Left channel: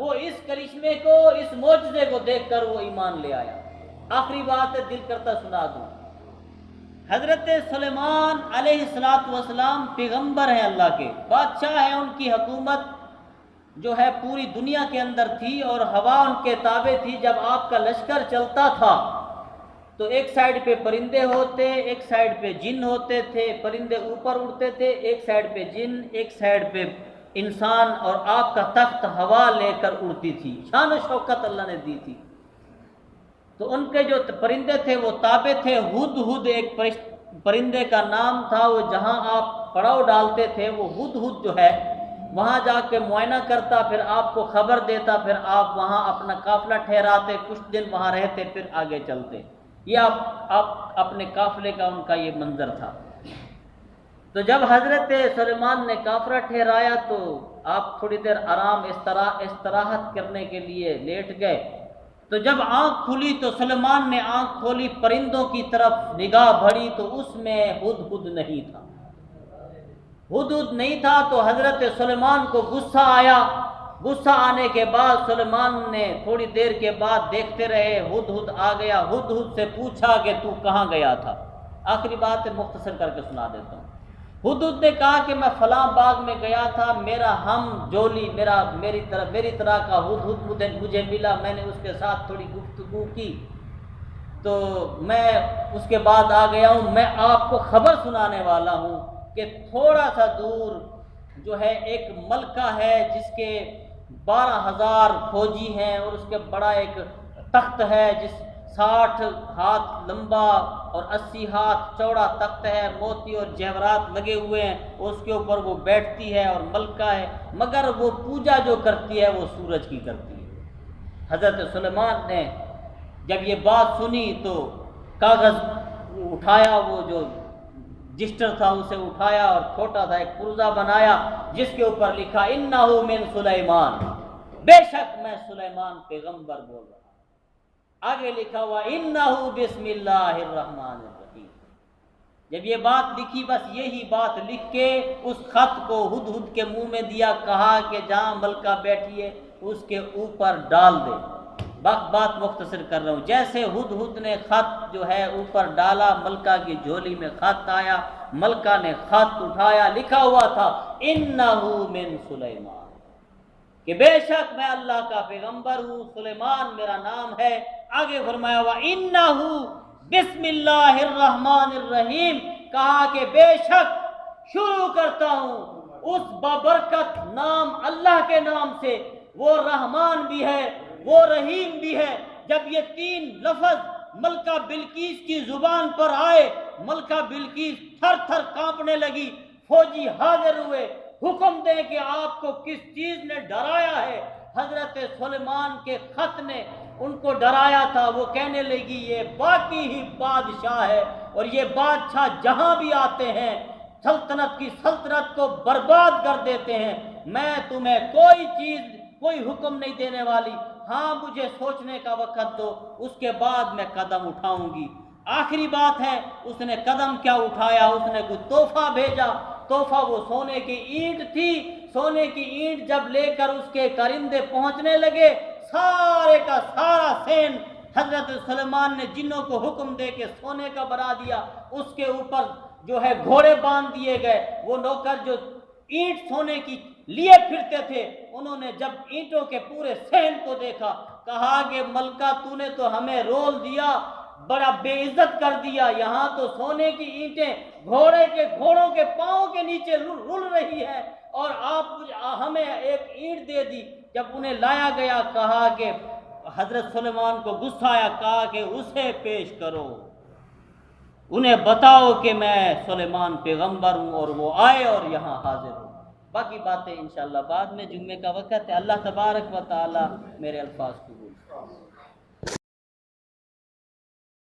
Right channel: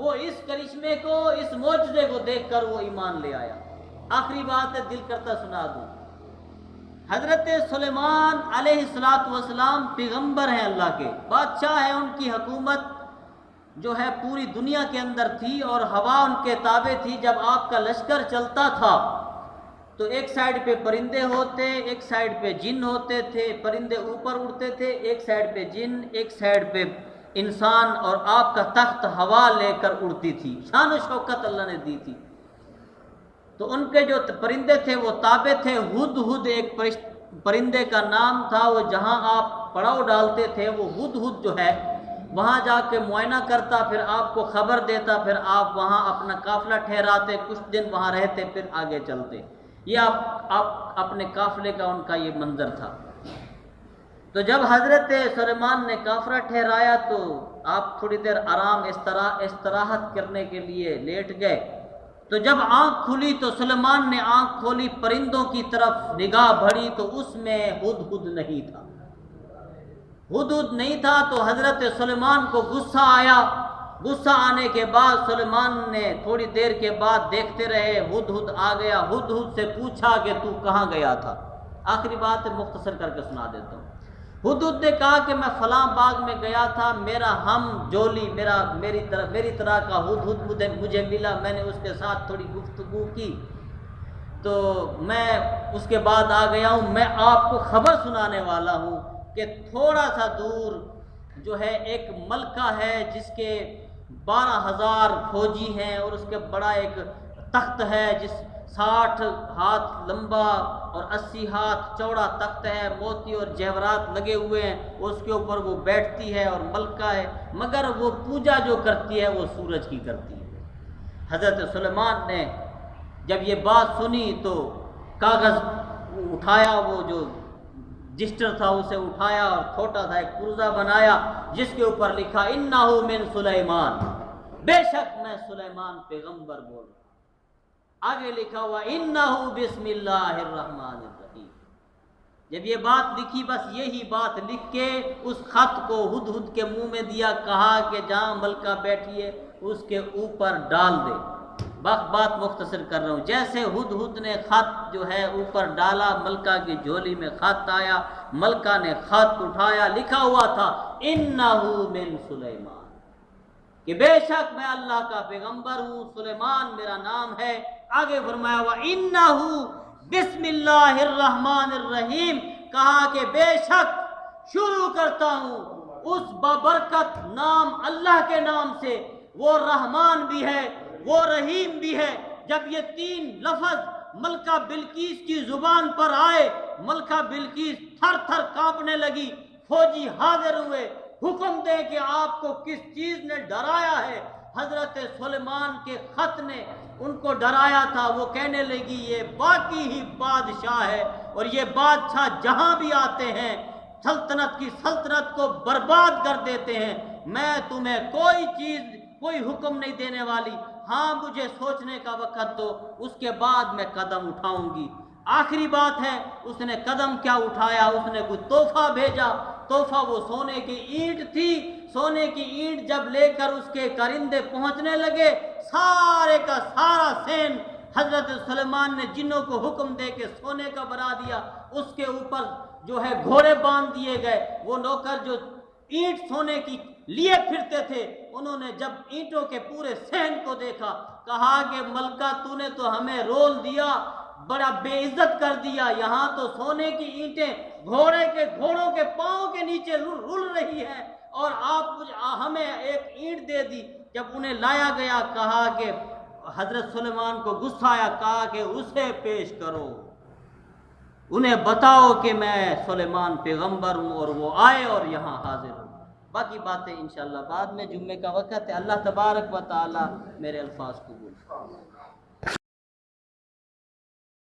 وہ اس کرشمے کو، اس معجزے کو دیکھ کر وہ ایمان لے آیا۔ آخری بات ہے، دل کرتا سنا دوں۔ حضرت سلیمان علیہ السلام پیغمبر ہیں اللہ کے، بادشاہ ہیں، ان کی حکومت جو ہے پوری دنیا کے اندر تھی اور ہوا ان کے تابع تھی۔ جب آپ کا لشکر چلتا تھا تو ایک سائیڈ پہ پرندے ہوتے، ایک سائیڈ پہ جن ہوتے تھے، پرندے اوپر اڑتے تھے، ایک سائیڈ پہ جن، ایک سائیڈ پہ انسان، اور آپ کا تخت ہوا لے کر اڑتی تھی۔ شان و شوکت اللہ نے دی تھی۔ تو ان کے جو پرندے تھے وہ تابع تھے۔ ہد ہد ایک پرندے کا نام تھا، وہ جہاں آپ پڑاؤ ڈالتے تھے وہ ہد ہد جو ہے وہاں جا کے معائنہ کرتا، پھر آپ کو خبر دیتا، پھر آپ وہاں اپنا قافلہ ٹھہراتے، کچھ دن وہاں رہتے، پھر آگے چلتے۔ یہ آپ اپنے قافلے کا ان کا یہ منظر تھا۔ تو جب حضرت سلیمان نے قافلہ ٹھہرایا تو آپ تھوڑی دیر آرام استراحت کرنے کے لیے لیٹ گئے۔ تو جب آنکھ کھلی تو سلیمان نے آنکھ کھولی، پرندوں کی طرف نگاہ بڑھی تو اس میں ہد ہد نہیں تھا۔ ہد ہد نہیں تھا تو حضرت سلیمان کو غصہ آیا۔ غصہ آنے کے بعد سلیمان نے تھوڑی دیر کے بعد دیکھتے رہے، ہد ہد آ گیا۔ ہد ہد سے پوچھا کہ تو کہاں گیا تھا؟ آخری بات مختصر کر کے سنا دیتا ہوں۔ ہد ہد نے کہا کہ میں فلاں باغ میں گیا تھا، میرا ہم جولی میری طرح کا ہد ہد مجھے ملا، میں نے اس کے ساتھ تھوڑی گفتگو کی تو میں اس کے بعد آ گیا ہوں۔ میں آپ کو خبر سنانے والا ہوں کہ تھوڑا سا دور جو ہے ایک ملکہ ہے جس کے 12,000 فوجی ہیں، اور اس کے بڑا ایک تخت ہے جس 60 ہاتھ لمبا اور 80 ہاتھ چوڑا تخت ہے، موتی اور جواہرات لگے ہوئے ہیں، اور اس کے اوپر وہ بیٹھتی ہے اور ملکہ ہے، مگر وہ پوجا جو کرتی ہے وہ سورج کی کرتی ہے۔ حضرت سلیمان نے جب یہ بات سنی تو کاغذ اٹھایا، وہ جو رجسٹر تھا اسے اٹھایا اور چھوٹا تھا ایک پرزہ بنایا جس کے اوپر لکھا انہ من سلیمان، بے شک میں سلیمان پیغمبر بول رہا ہوں۔ آگے لکھا ہوا انہ بسم اللہ الرحمن الرحیم۔ جب یہ بات لکھی، بس یہی بات لکھ کے اس خط کو ہد ہد کے منہ میں دیا، کہا کہ جہاں ملکہ بیٹھی ہے اس کے اوپر ڈال دے۔ بات مختصر کر رہا ہوں، جیسے ہد ہد نے خط جو ہے اوپر ڈالا، ملکہ کی جھولی میں خط آیا، ملکہ نے خط اٹھایا، لکھا ہوا تھا انہ من سلیمان، کہ بے شک میں اللہ کا پیغمبر ہوں، سلیمان میرا نام ہے۔ آگے فرمایا ہوا انہ بسم اللہ الرحمن الرحیم، کہا کہ بے شک شروع کرتا ہوں اس بابرکت نام اللہ کے نام سے، وہ رحمان بھی ہے وہ رحیم بھی ہے۔ جب یہ 3 لفظ ملکہ بلقیس کی زبان پر آئے، ملکہ بلقیس تھر تھر کانپنے لگی، فوجی حاضر ہوئے، حکم دیں کہ آپ کو کس چیز نے ڈرایا ہے؟ حضرت سلیمان کے خط نے ان کو ڈرایا تھا۔ وہ کہنے لگی یہ باقی ہی بادشاہ ہے، اور یہ بادشاہ جہاں بھی آتے ہیں سلطنت کی سلطنت کو برباد کر دیتے ہیں۔ میں تمہیں کوئی حکم نہیں دینے والی، ہاں مجھے سوچنے کا وقت دو، اس کے بعد میں قدم اٹھاؤں گی۔ آخری بات ہے، اس نے قدم کیا اٹھایا؟ اس نے کچھ تحفہ بھیجا۔ تحفہ وہ سونے کی اینٹ تھی۔ سونے کی اینٹ جب لے کر اس کے کارندے پہنچنے لگے، سارے کا سارا سین حضرت سلیمان نے جنوں کو حکم دے کے سونے کا بنا دیا۔ اس کے اوپر جو ہے گھوڑے باندھ دیے گئے۔ وہ نوکر جو اینٹ سونے کی لیے پھرتے تھے، انہوں نے جب اینٹوں کے پورے صحن کو دیکھا، کہا کہ ملکہ تو نے تو ہمیں رول دیا، بڑا بے عزت کر دیا، یہاں تو سونے کی اینٹیں گھوڑوں کے پاؤں کے نیچے رل رہی ہے، اور آپ ہمیں ایک اینٹ دے دی۔ جب انہیں لایا گیا، کہا کہ حضرت سلیمان کو غصہ آیا، کہا کہ اسے پیش کرو، انہیں بتاؤ کہ میں سلیمان پیغمبر ہوں، اور وہ آئے اور یہاں حاضر ہوں۔ باقی باتیں انشاءاللہ بعد میں، جمعے کا وقت ہے۔ اللہ تبارک و تعالی میرے الفاظ قبول فرمائے۔